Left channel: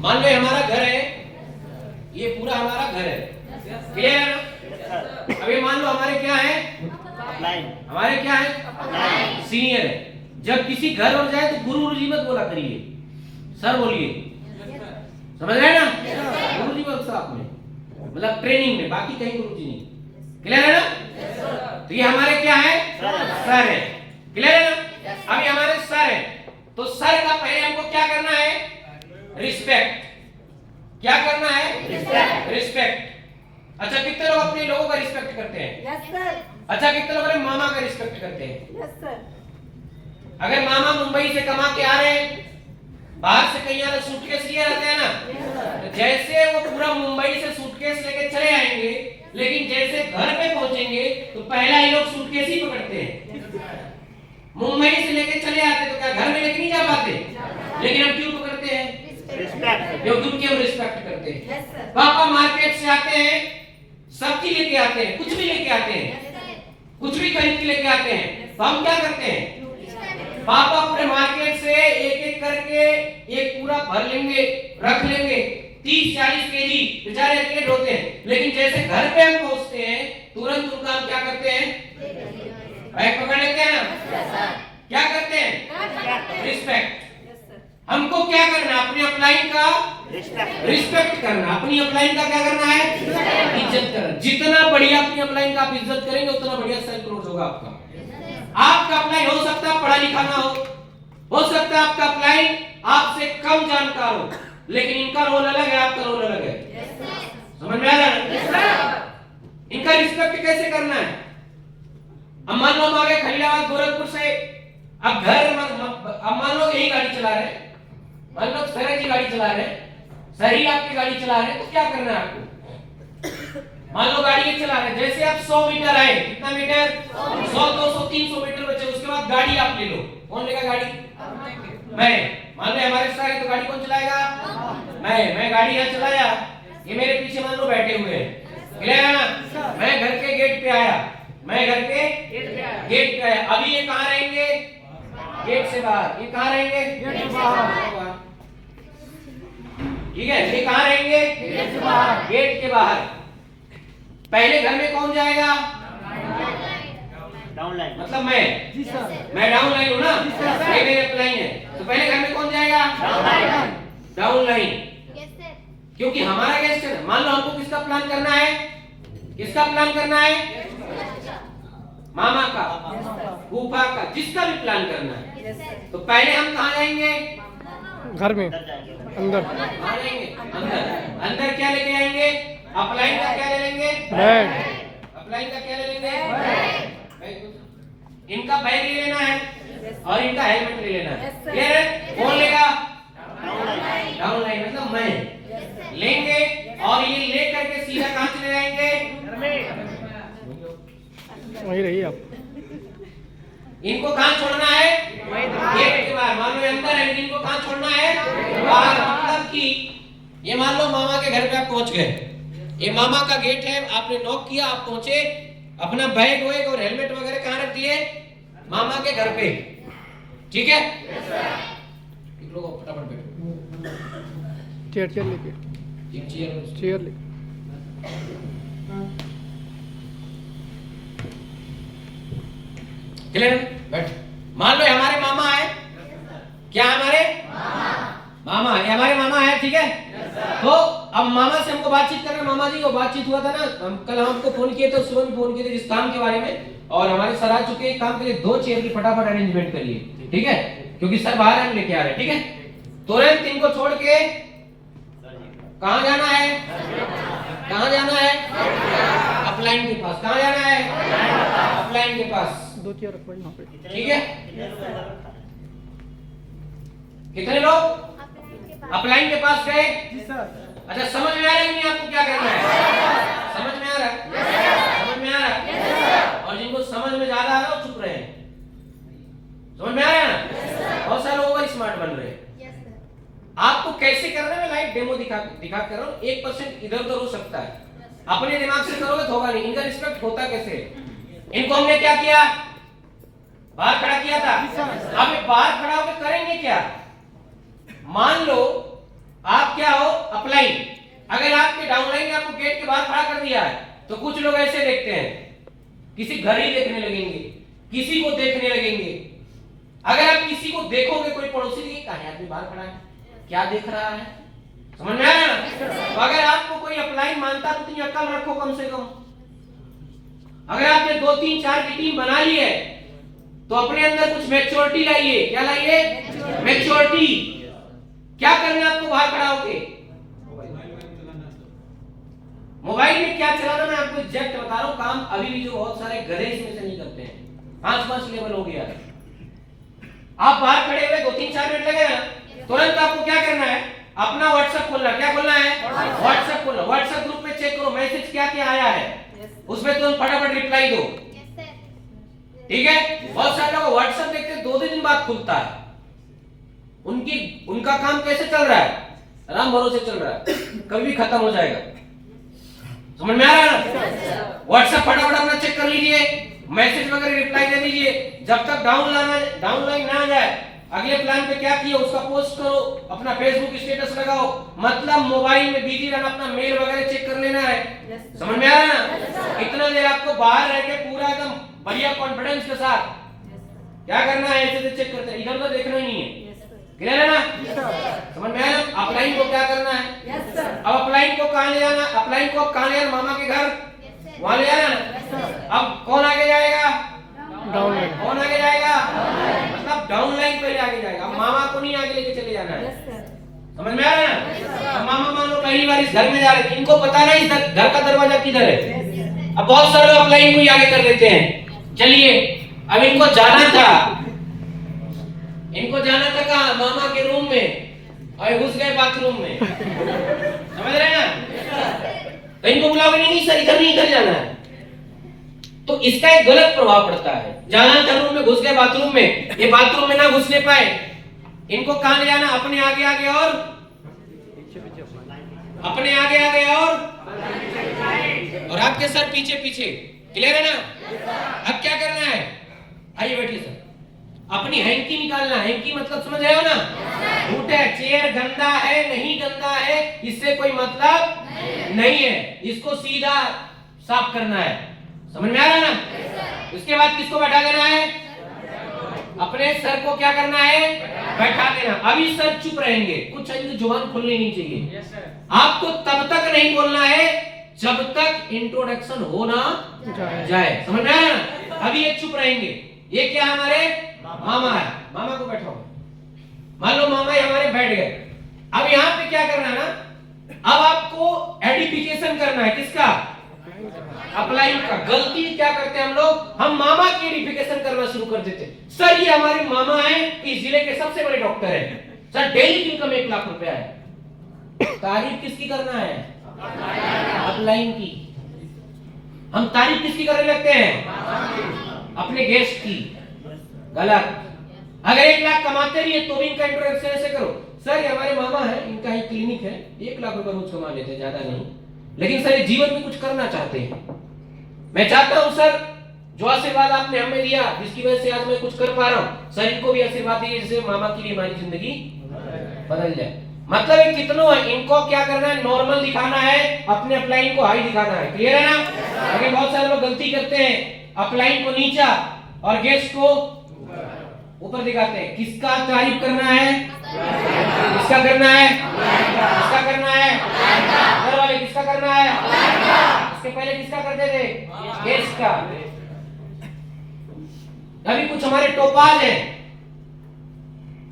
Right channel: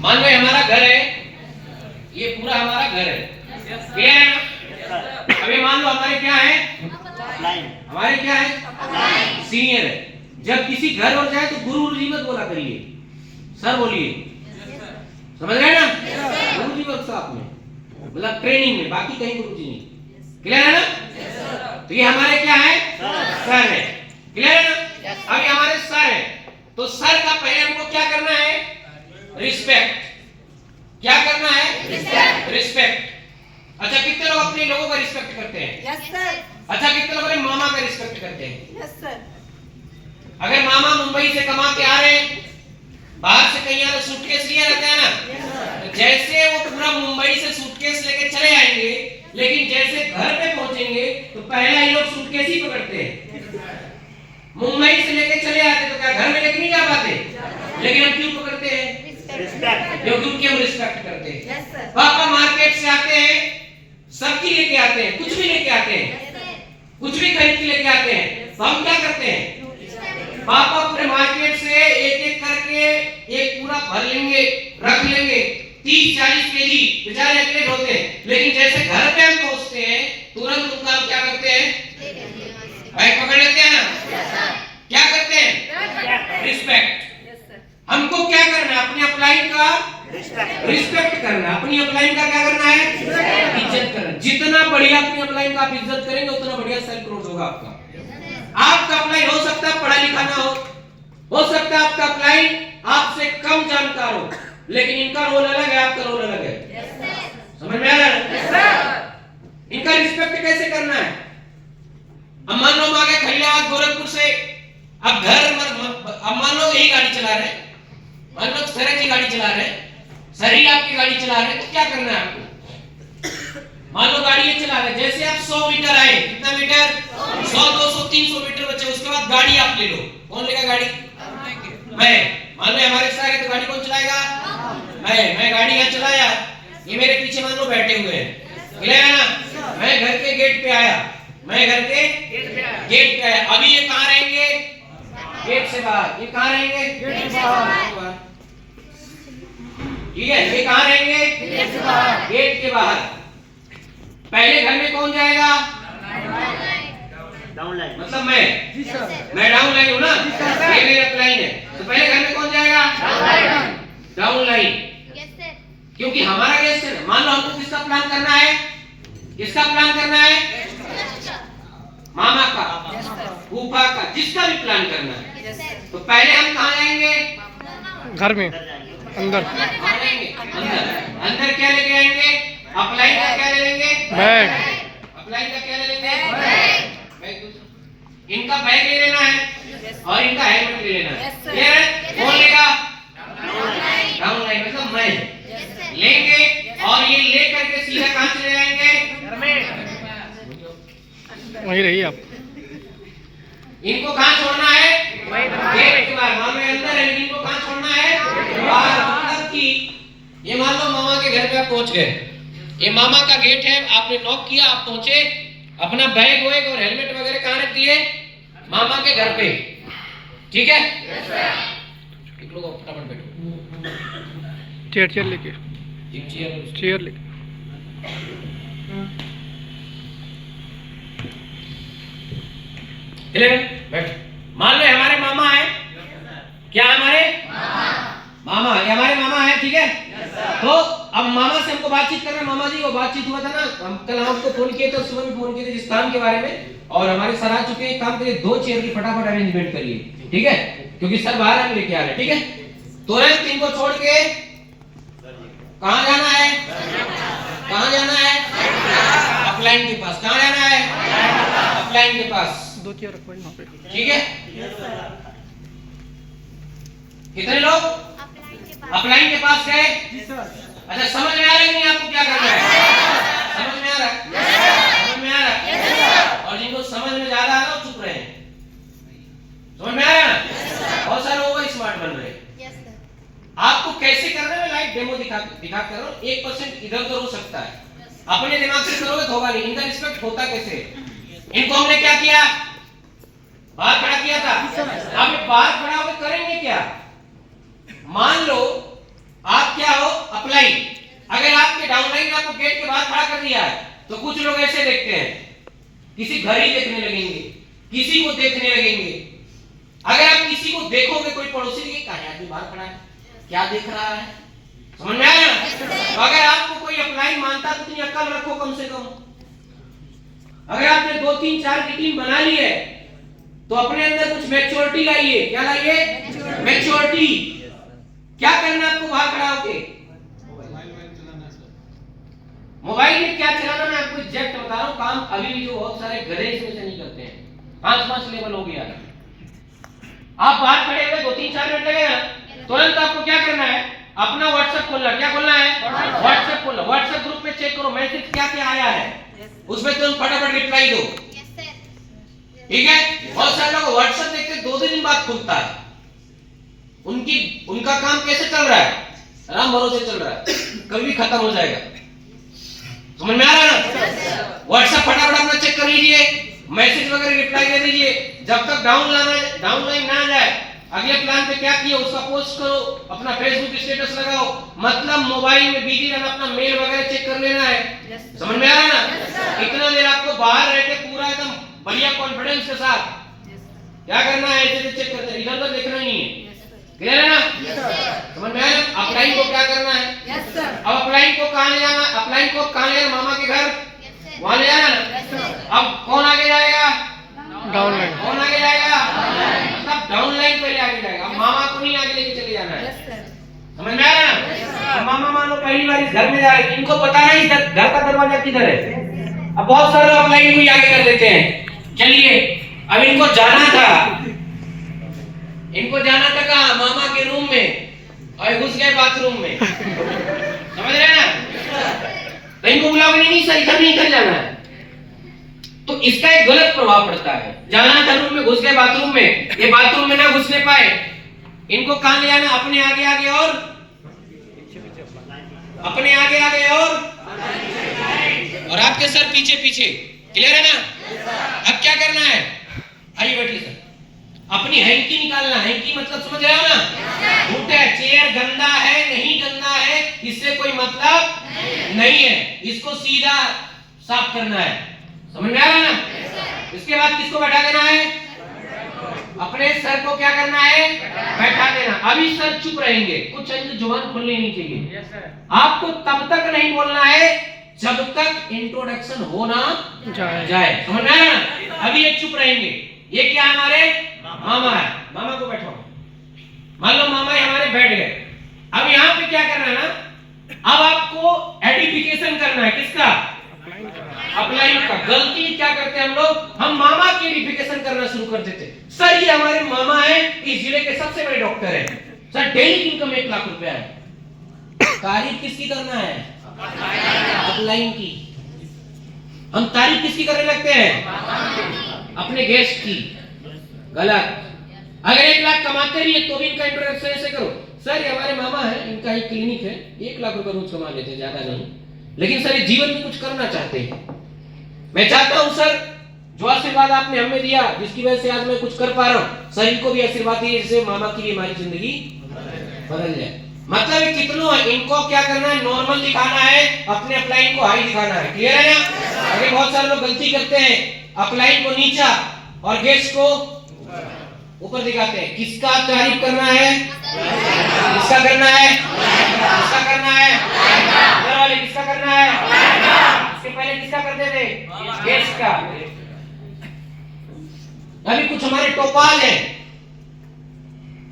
मान लो हमारा घर है, ये पूरा हमारा घर है, क्लियर है ना? अभी मान लो हमारे क्या है, हमारे क्या है, सीनियर है। जब किसी घर और जाए तो गुरु जी मत बोला करिए, सर बोलिए, समझ रहे ना? गुरु जी मत साथ में, मतलब ट्रेनिंग में, बाकी कहीं गुरु जी नहीं, क्लियर है ना? तो ये हमारे क्या है, सर है, क्लियर है ना? अभी हमारे सर है, तो सर का पहले हमको क्या करना है, रिस्पेक्ट। क्या करना है, रिस्पेक्ट। अच्छा, कितने लोग अपने लोगों का रिस्पेक्ट करते हैं? Yes sir. अच्छा, कितने लोग अपने मामा का रिस्पेक्ट करते हैं? Yes sir. अगर मामा मुंबई से कमा के आ रहे हैं, बाहर से कहीं आ रहे, सूटकेस लिए रहते हैं ना, तो जैसे वो पूरा मुंबई से सूटकेस लेके चले आएंगे, लेकिन जैसे घर पे पहुंचेंगे तो पहला ही लोग सूटकेस ही पकड़ते हैं। मुंबई से लेके चले आते तो क्या घर में लेके नहीं जा पाते, लेकिन हम क्यों पकड़ते हैं, क्योंकि उनकी हम रिस्पेक्ट करते हैं। पापा मार्केट से आते हैं, सब्जी लेके आते हैं, कुछ भी लेके आते हैं, कुछ भी खरीद के लेके आते हैं, तो हम क्या करते हैं, पापा पूरे मार्केट से एक एक करके एक पूरा भर लेंगे, रख लेंगे, 30-40 केजी बेचारे अकेले ढोते हैं, लेकिन जैसे घर पे हम पहुंचते हैं तुरंत उनका हम क्या करते हैं, बैग पकड़ लेते हैं ना, क्या करते हैं, रिस्पेक्ट। हमको क्या करना है, अपने अपलाइन का रिस्पेक्ट करना, अपनी अपलाइन का क्या करना है, इज्जत करना। जितना बढ़िया अपनी अपलाइन का आप इज्जत करेंगे उतना बढ़िया सेल्फ ग्रोथ होगा आपका। आपका अपलाइन हो सकता है पढ़ा लिखा ना हो सकता है आपका अपलाइन आपसे कम जानकार हो, लेकिन इनका रोल अलग है, आपका रोल अलग है। समझ में आ रहा है? इनका रिस्पेक्ट कैसे करना है? अब मान लो हम आ गए खलीलाबाद गोरखपुर से, अब मान लो यही गाड़ी चला रहे हैं, मान लो सर जी गाड़ी चला रहे हैं, सर ही आपकी गाड़ी चला रहे हैं, तो क्या करना है आपको, मान लो गाड़ी ये चला रहे हैं, जैसे आप 100 मीटर आए, कितना मीटर, 100, 200, 300 मीटर बचे, उसके बाद गाड़ी आप ले लो, कौन लेगा गाड़ी, मैं। मान लो हमारे साथ है तो गाड़ी कौन चलाएगा, मैं गाड़ी यहाँ चलाया, ये मेरे पीछे मान लो बैठे हुए हैं, क्लियर है ना? मैं घर के गेट पे आया, मैं घर के गेट पे आया, अभी ये कहाँ रहेंगे, गेट से बाहर, ये कहाँ रहेंगे, गेट से बाहर, ठीक है? ये कहाँ रहेंगे, गेट के बाहर। पहले घर में कौन जाएगा, डाउन लाइन, मतलब मैं डाउन लाइन हूँ ना, पहले अपलाइन है, तो पहले घर में कौन जाएगा, डाउन लाइन, क्योंकि हमारा गेस्ट है। मान लो हमको किसका प्लान करना है, किसका प्लान करना है, मामा का, फूफा का, जिसका भी प्लान करना है, तो पहले हम कहाँ जाएंगे, घर में, अंदर, अंदर क्या लेके आएंगे, अपलाइन का क्या ले लेंगे, बैग, अपलाइन का क्या ले लेंगे, बैग। इनका बैग ले लेना है और इनका हेलमेट ले लेना है, क्लियर है? कौन लेगा, डाउन लाइन, मतलब मैं लेंगे, और ये ले करके सीधा कहाँ चले जाएंगे, वहीं रहिए आप। इनको कहाँ छोड़ना है, गेट के बाहर। मान लो अंदर है, लेकिन इनको कहाँ छोड़ना है, बाहर। मतलब कि ये मान लो मामा के घर पे आप पहुंच गए, ये मामा का गेट है, आपने नॉक किया, आप पहुंचे, अपना बैग वैग और हेलमेट वगैरह कहाँ रख दिए, मामा के घर पे, ठीक है? लोग फटाफट बैठो, चेयर लेके, चेयर लेके, बैठ। मान लो हमारे मामा है, क्या हमारे मामा है, हमारे मामा है, ठीक है? तो अब मामा से हमको बातचीत करना, मामा जी वो बातचीत हुआ था ना, हम कल आपको फोन किए थे, सुबह भी फोन किए थे इस काम के बारे में, और हमारे सर आ चुके हैं, काम के लिए 2 चेयर की फटाफट अरेंजमेंट करिए, ठीक है? क्योंकि सर बाहर आने लेके आ रहे हैं, ठीक है? तुरंत इनको छोड़ के कहाँ जाना है, कहाँ जाना है, अपलाइन के पास। कहाँ जाना है, अपलाइन के पास। 2 चेयर रखवाई वहाँ पे, ठीक है? कितने लोग अपलाइन के पास गए? अच्छा, समझ में आ रहा है नहीं आपको क्या करना है, समझ में आ रहा है, समझ में आ रहा है? और जिनको समझ में ज्यादा आ रहा है वो चुप रहे हैं, समझ में आ रहा है ना? बहुत सारे लोग स्मार्ट बन रहे हैं। आपको कैसे करना है, मैं लाइव डेमो दिखा कर रहा हूँ। 1% इधर उधर हो सकता है, अपने दिमाग से करोगे तो होगा नहीं। इनका रिस्पेक्ट होता कैसे, इनको हमने क्या किया, बाहर खड़ा किया था, अब बाहर खड़ा होकर करेंगे क्या? मान लो आप क्या हो, अपलाइन। अगर आपके डाउनलाइन ने आपको गेट के बाहर खड़ा कर दिया है तो कुछ लोग ऐसे देखते हैं, किसी घड़ी देखने लगेंगे, किसी को देखने लगेंगे। अगर आप किसी को देखोगे, कोई पड़ोसी के कहा आदमी बाहर खड़ा है, क्या देख रहा है, समझ में आया? तो अगर आपको कोई अपलाइन मानता तो इतनी अक्ल रखो कम से कम। अगर आपने 2 3 4 की टीम बना ली है तो अपने अंदर कुछ मैच्योरिटी लाइए। क्या लाइए? मैच्योरिटी। क्या करना है आपको बाहर खड़ा होके? मोबाइल में क्या चलाना, मैं आपको एग्जैक्ट बता रहा हूं। काम अभी भी जो बहुत सारे घरे इसमें से नहीं करते हैं, 5 लेवल हो गया है। आप बाहर खड़े हुए 2 3 4 मिनट लगेगा, तुरंत आपको क्या करना है? अपना व्हाट्सएप खोलना। क्या खोलना है? व्हाट्सएप खोलना। व्हाट्सएप ग्रुप में चेक करो मैसेज क्या क्या आया है, उसमें तुरंत फटाफट रिप्लाई दो। ठीक है? बहुत सारे लोग व्हाट्सएप देखते 2 दिन बाद खुलता है। उनका काम कैसे चल रहा है? राम भरोसे चल रहा है, कभी खत्म हो जाएगा। समझ में आ रहा है? व्हाट्सएप फटाफट अपना चेक कर लीजिए, मैसेज वगैरह रिप्लाई दे दीजिए। जब तक डाउनलाइन ना आ जाए, अगले प्लान पे क्या किया उसका पोस्ट करो, अपना फेसबुक स्टेटस लगाओ। मतलब मोबाइल में बिजी रहना, अपना मेल वगैरह चेक कर लेना है। समझ में आ रहा है ना? इतना देर आपको बाहर रह के पूरा एकदम बढ़िया कॉन्फिडेंस के साथ क्या करना है, ऐसे चेक करते हैं, इधर उधर देखना ही नहीं है। क्लियर है ना? समझ में आया ना? अपलाइन को क्या करना है? अब अपलाइन को कहां ले जाना? अपलाइन को कहां ले जाना? मामा के घर, वहां ले जाना ना। अब कौन आगे जाएगा? डाउनलाइन। कौन आगे जाएगा? मतलब डाउनलाइन पहले आगे जाएगा। अब मामा को नहीं आगे लेके चले जाना है। समझ में आ रहा है ना? अब मामा मान लो पहली बार इस घर में जा रहे हैं, इनको पता नहीं घर का दरवाजा किधर है। अब बहुत सारे लोग अपलाइन को ही आगे कर देते हैं। चलिए अब इनको जाना था कहाँ? मामा के रूम में, और घुस गए बाथरूम में। समझ रहे हैं ना? तो इनको बुलाओगे नहीं, सर इधर नहीं, इधर जाना है। तो इसका एक गलत प्रभाव पड़ता है। जाना था रूम में, घुस गए बाथरूम में। ये बाथरूम में ना घुसने पाए, इनको कहां ले जाना? अपने आगे आगे और अपने आगे आगे और आपके सर पीछे पीछे। क्लियर है ना? अब क्या करना है? आइए बैठिए सर। अपनी हैंकी निकालना। हैंकी मतलब समझ रहे हो ना? झूठे चेयर गंदा है नहीं गंदा है इससे कोई मतलब नहीं है, इसको सीधा साफ करना है। समझ में आ रहा ना? इसके बाद किसको बैठा देना है? अपने सर को क्या करना है? बैठा देना। अभी सर चुप रहेंगे, कुछ जुबान खुलनी नहीं चाहिए। आपको तब तक नहीं बोलना है जब तक इंट्रोडक्शन हो ना जाए। समझ में आया ना? अभी ये चुप रहेंगे। ये क्या है? हमारे मामा है। मामा को बैठाओ। मान लो मामा ही हमारे बैठ गए। अब यहाँ पे क्या करना है ना? अब आपको एडिफिकेशन करना है। किसका? अपलाइन का। गलती क्या करते हैं हम लोग? हम मामा की एडिफिकेशन करना शुरू कर देते। सर ये हमारे मामा है, इस जिले के सबसे बड़े डॉक्टर है, सर डेली की इनकम 1 लाख रुपया है। तारीफ किसकी करना है? अपलाइन की। हम तारीफ किसकी करने लगते हैं? अपने गेस्ट की। गलत। अगर 1 लाख कमाते रहिए तो भी इनका इंट्रोडक्शन ऐसे करो, सर ये हमारे मामा है, इनका एक क्लिनिक है, 1 लाख रुपए रोज कमा लेते हैं, ज्यादा नहीं, लेकिन सर ये जीवन में कुछ करना चाहते हैं। मैं चाहता हूं सर जो आशीर्वाद आपने हमें दिया, जिसकी वजह से आज मैं कुछ कर पा रहा हूं, सर इनको भी आशीर्वाद दीजिए जिससे मामा की हमारी जिंदगी बदल जाए। मतलब कितनों है, इनको क्या करना है? नॉर्मल दिखाना है, अपने अपलाइन को हाई दिखाना है। क्लियर है ना? अगर बहुत सारे लोग गलती करते हैं, अपलाइन को नीचा और गेस्ट को ऊपर दिखाते हैं। किसका तारीफ करना है? किसका करना है? किसका करना है? घर वाले किसका करना है? इससे पहले किसका करते थे? गेस्ट का। अभी कुछ हमारे टोपाल हैं,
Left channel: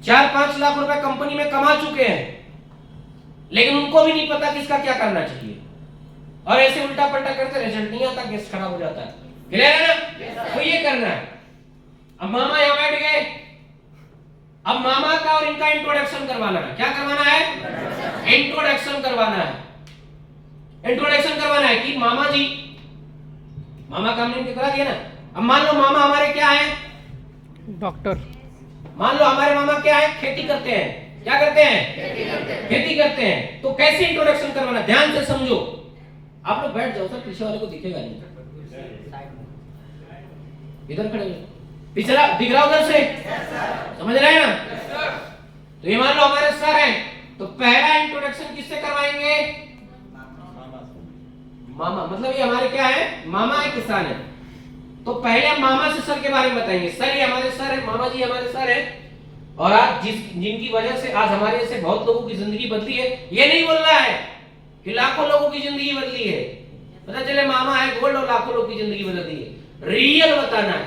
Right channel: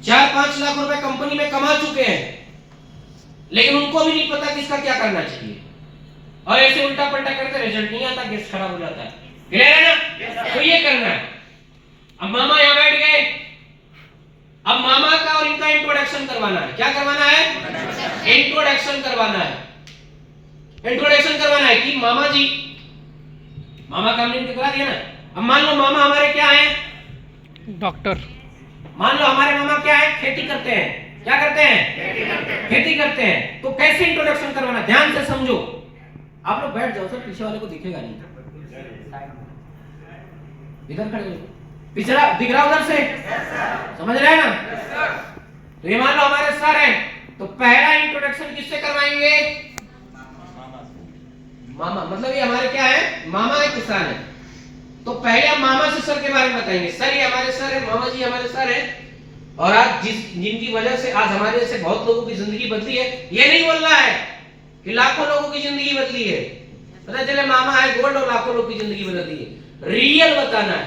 4-5 लाख रुपए कंपनी में कमा चुके हैं, लेकिन उनको भी नहीं पता किसका क्या करना चाहिए, और ऐसे उल्टा पलटा करते, रिजल्ट नहीं आता, गेस्ट खराब हो जाता है। क्लियर है ना? तो ये करना है। अब मामा यहां बैठ गए, अब मामा का और इनका इंट्रोडक्शन करवाना है। क्या करवाना है? इंट्रोडक्शन करवाना है। इंट्रोडक्शन करवाना है कि मामा जी, मामा का हमने करा दिया ना। अब मान लो मामा हमारे क्या है? डॉक्टर। मान लो हमारे मामा क्या है? खेती करते हैं। क्या करते हैं? खेती करते हैं। तो कैसे इंट्रोडक्शन करवाना? ध्यान से समझो। आप लोग बैठ जाओ सर, पीछे वाले को दिखेगा नहीं, इधर खड़े हो, पिछला दिख रहा उधर से, समझ रहे हैं ना? तो ये मान लो हमारे सर हैं, तो पहला इंट्रोडक्शन इंट्रोडक्शन किससे करवाएंगे? मामा, मतलब ये हमारे क्या है? मामा है, किसान है। तो पहले हम मामा से सर के बारे में बताएंगे। सर ये हमारे सर है, मामा जी हमारे सर है, और आज जिनकी वजह से आज हमारे जैसे बहुत लोगों की जिंदगी बदली है। ये नहीं बोलना है कि लाखों लोगों की जिंदगी बदली है, पता चले मामा है गोल्ड और लाखों लोगों की जिंदगी बदली है। रियल बताना है,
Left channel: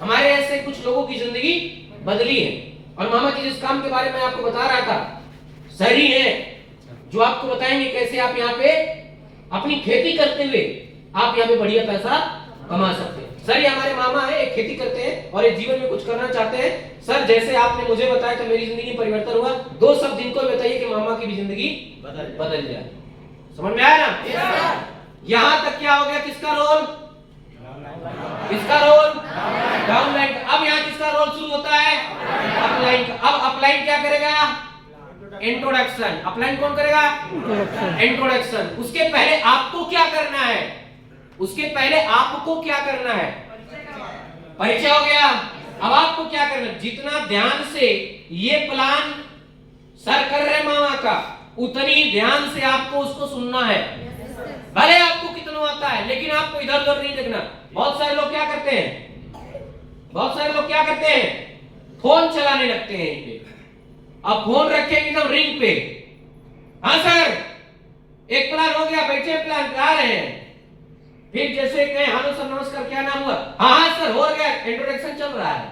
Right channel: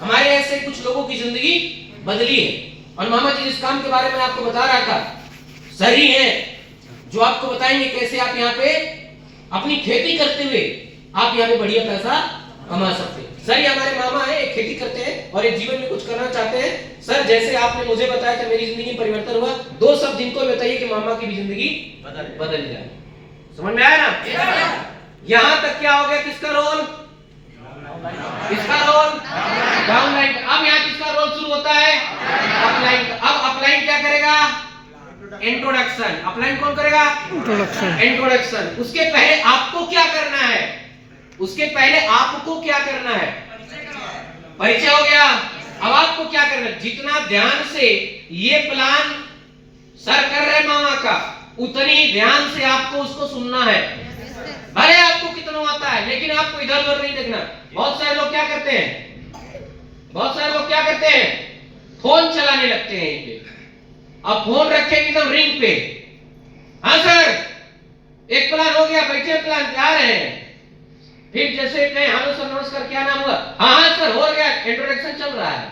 हमारे ऐसे कुछ लोगों की जिंदगी बदली है। और मामा जी जिस काम के बारे में आपको बता रहा था, सही है, जो आपको बताएंगे कैसे आप यहाँ पे अपनी खेती करते हुए आप यहाँ पे बढ़िया पैसा कमा सकते हैं। सर ये हमारे मामा है, एक खेती करते हैं और एक जीवन में कुछ करना चाहते हैं। सर जैसे आपने मुझे बताया था मेरी जिंदगी में परिवर्तन हुआ, दो शब्द इनको भी बताइए कि मामा की भी जिंदगी बदल जाए। समझ में आया ना? यहाँ तक क्या हो गया? किसका रोल? किसका रोल? डाउनलाइन। अब यहाँ किसका रोल शुरू होता है? अपलाइन। अब अपलाइन क्या करेगा? इंट्रोडक्शन। अपलाइन कौन करेगा? इंट्रोडक्शन। उसके पहले आपको क्या करना है? उसके पहले आपको क्या करना है? परिचय हो गया। अब आपको क्या करना है? जितना ध्यान से ये प्लान सर कर रहे मामा का, उतनी ध्यान से आपको उसको सुनना है। भले आपको कितना आता है, लेकिन आपको इधर उधर नहीं देखना। बहुत सारे लोग क्या करते हैं? बहुत सारे लोग क्या करते हैं? फोन चलाने लगते हैं। इनके अब फोन रखेंगे एकदम रिंग पे। हाँ सर, एक प्लान हो गया, बैठे प्लान आ रहे हैं। फिर जैसे कहें हेलो सर नमस्कार, क्या नाम हुआ? हाँ सर हो गया, इंट्रोडक्शन चल रहा है।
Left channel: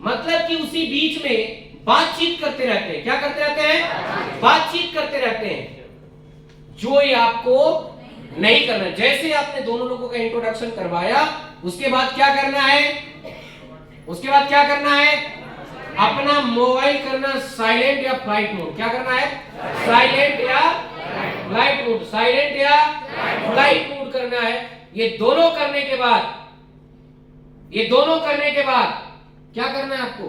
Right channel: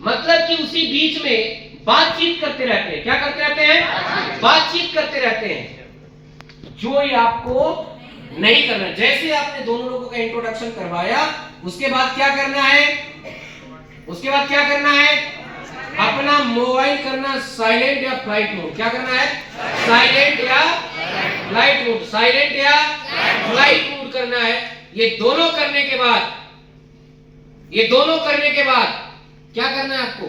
मतलब कि उसी बीच में बातचीत करते रहते हैं। क्या करते रहते हैं? बातचीत करते रहते हैं, जो ये आपको नहीं करना। जैसे आपने दोनों लोगों का इंट्रोडक्शन करवाया, उसके बाद क्या करना है? उसके बाद क्या करना है? अपना मोबाइल करना साइलेंट या फ्लाइट मोड। क्या करना है? साइलेंट या फ्लाइट मोड। साइलेंट या फ्लाइट मोड करना है। ये दोनों करने के बाद, ये दोनों करने के बाद क्या करना है आपको?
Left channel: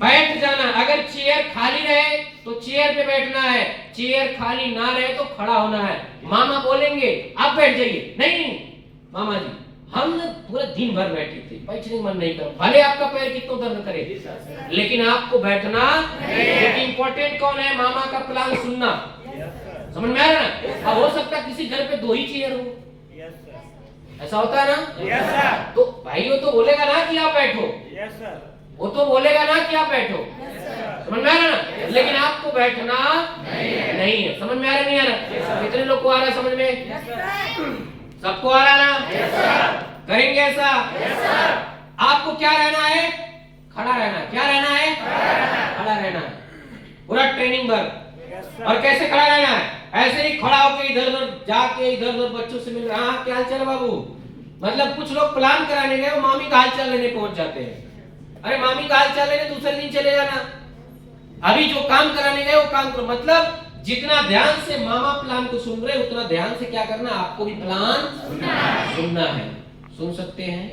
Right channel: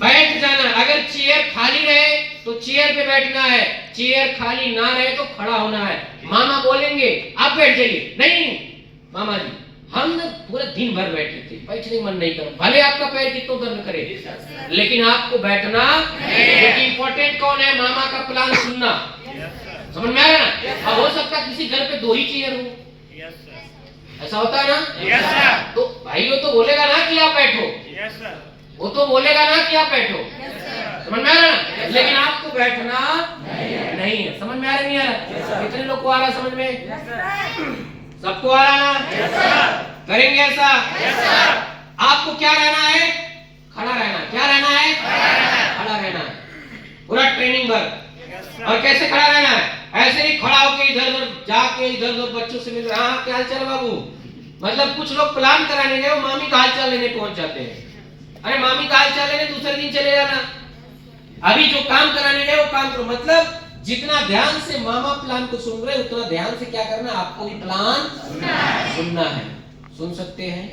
बैठ जाना। अगर चेयर खाली रहे तो चेयर पे बैठना है, चेयर खाली ना रहे तो खड़ा होना है। मामा बोलेंगे आप बैठ जाइए, नहीं मामा जी हम पूरे दिन भर बैठे थे, बैठने मन नहीं कर, भले आपका पैर कितना दर्द करे, लेकिन आपको बैठना। लेकिन इंपॉर्टेंट कौन है? मामा का प्लान सुनना। समझ में आया ना? अब हो सकता है किसी घर पे दो ही चेयर हो, ऐसा होता है ना? तो भाई वो तो बोलेगा ना कि आप बैठो, वो तो बोलेगा ना कि आप बैठो। समझ में आ रहा ना? लेकिन आपको बैठना नहीं है। समझ में आ रहा नहीं आ रहा? कितने लोग को आ रहा है समझ में? सबको आ रहा ना? करेंगे ऐसा? आपको क्या रहना है? खड़ा रहना। क्या रहना है? खड़ा रहना है। पूरा ट्रेनिंग वर्क। और कैसे खड़ा रहना है? ऐसे ही खड़ा होकर इधर उधर जाके इधर उधर बच्चों से मिल रहा, हाँ क्या हाल चाल बाबू? मतलब कुछ लोग प्लान कराने गए, वो मामी का हाल चाल लेने पहुंच जाते हैं। अरे मामी का हाल चाल लेने दूसरे दिन चले जाना, अभी जो काम कराने गए वो काम करो। मतलब जितना ध्यान से मामा प्लान को सुन रहे, उतना ध्यान से क्या करना? आपको भी प्लान सुनना है। सुन सकते हैं?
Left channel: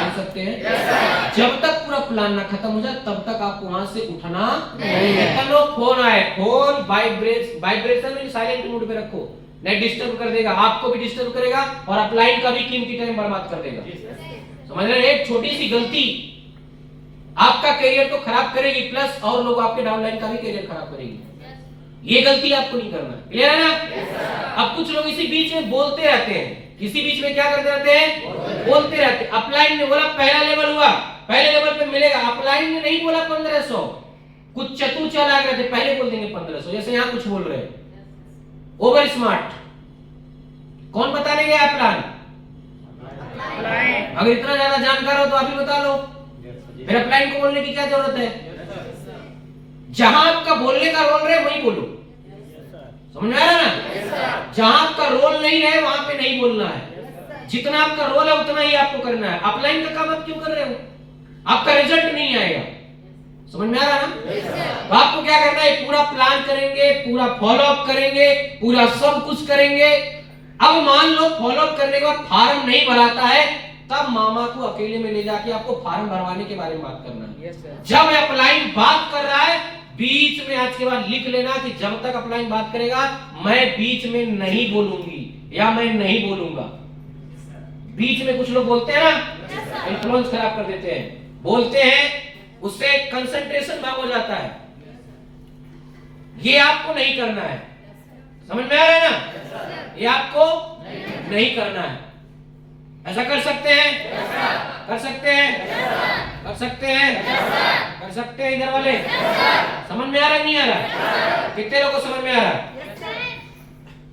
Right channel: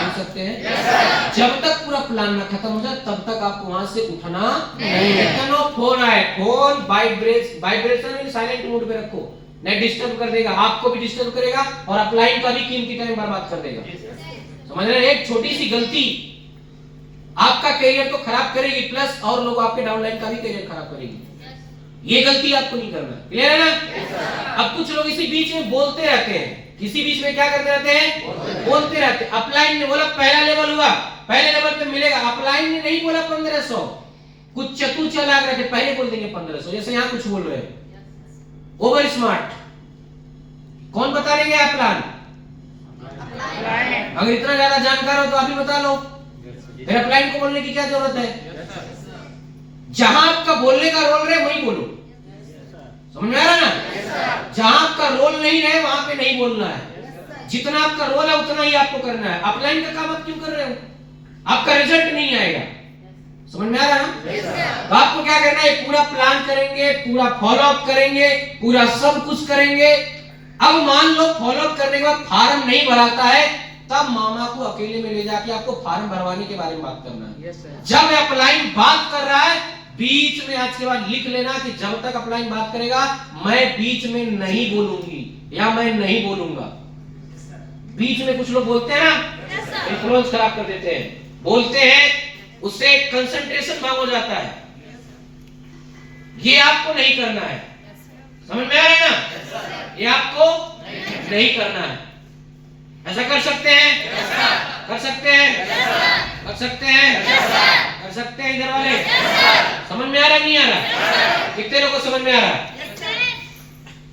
सुन सकते हैं? जब तक पूरा प्लान ना खत्म हो जाए तब तक आपको वहां से उठना नहीं है। फोन आए, फोन वाइब्रेशन में साइलेंट मोड पे रखो, नहीं डिस्टर्ब कर देगा, आपको भी डिस्टर्ब करेगा और अपलाइन का भी कीमती टाइम बर्बाद कर देगा। समझ रहे? एक छोटी सी गलती आपका करियर तो खराब करेगी, प्लस और लोग आपके डाउनलाइन का भी करियर खराब करेगी। ये गलती आपको नहीं करना। क्लियर है ना? अब कुछ लोग इसी बीच में बोलते रहते हैं, किसी बीच में क्या करते रहते हैं? बोलते रहते हैं। अपलाइन ने बोला पहला लेवल हुआ, पहले लेवल पे मिलेगा। अपलाइन ने नहीं बोला 1500, कुछ चतुर चालाक रहते पहले बोल देंगे 1500। जैसे यहाँ कुछ बोल रहे हैं ओवर स्मार्ट, कौन बताने गया प्लान? अगर इतना ज्यादा जानकार हो तो आप ही बता लो, फिर अपलाइन को बोलने की क्या जरूरत है? जहां आपका बोलने का रोल रहे वहीं बोलो। समझ में आ रहा ना? जहां आपका रोल नहीं रहे वहां पे नहीं बोलना है। जितना आपका रोल है उतना ही आपको करना है। अपलाइन का काम आप क्यों कर रहे हो? आपका रिजल्ट नहीं आएगा। समझ में आ रहा ना? तो आपको क्या करना है? पूरा प्लान करेंगे, पूरा फॉलो अप करेंगे, पूरा सब कुछ करेंगे। अब मान लो फॉलो अप करने के बाद फार्म नहीं भराता है, तब मामा को अकेले में ले जाके आपको फार्म भरवाने के बारे में बात करना है। जब अपलाइन बात कर रहा है, बीच में आज के बाद लिख लेना कि जब तक अपलाइन बात करेगा मैं बीच में नहीं बोलूंगी या मैं नहीं बोलूंगा। बीच में कुछ लोग बोलते हैं ना, इन्फ्लुएंस खराब कर देते हैं, बोलते हैं, उससे कंसंट्रेशन भंग हो जाता है। ये आपको नहीं करना है। समझ में आ रहा है ना? ये आपको नहीं करना है। ऐसा कर सकते हैं? कर सकते हैं? कर सकते हैं? कर सकते हैं इधर वाले? समझ में आ रहा है नहीं आ रहा? कितने लोगों को समझ में आ रहा है?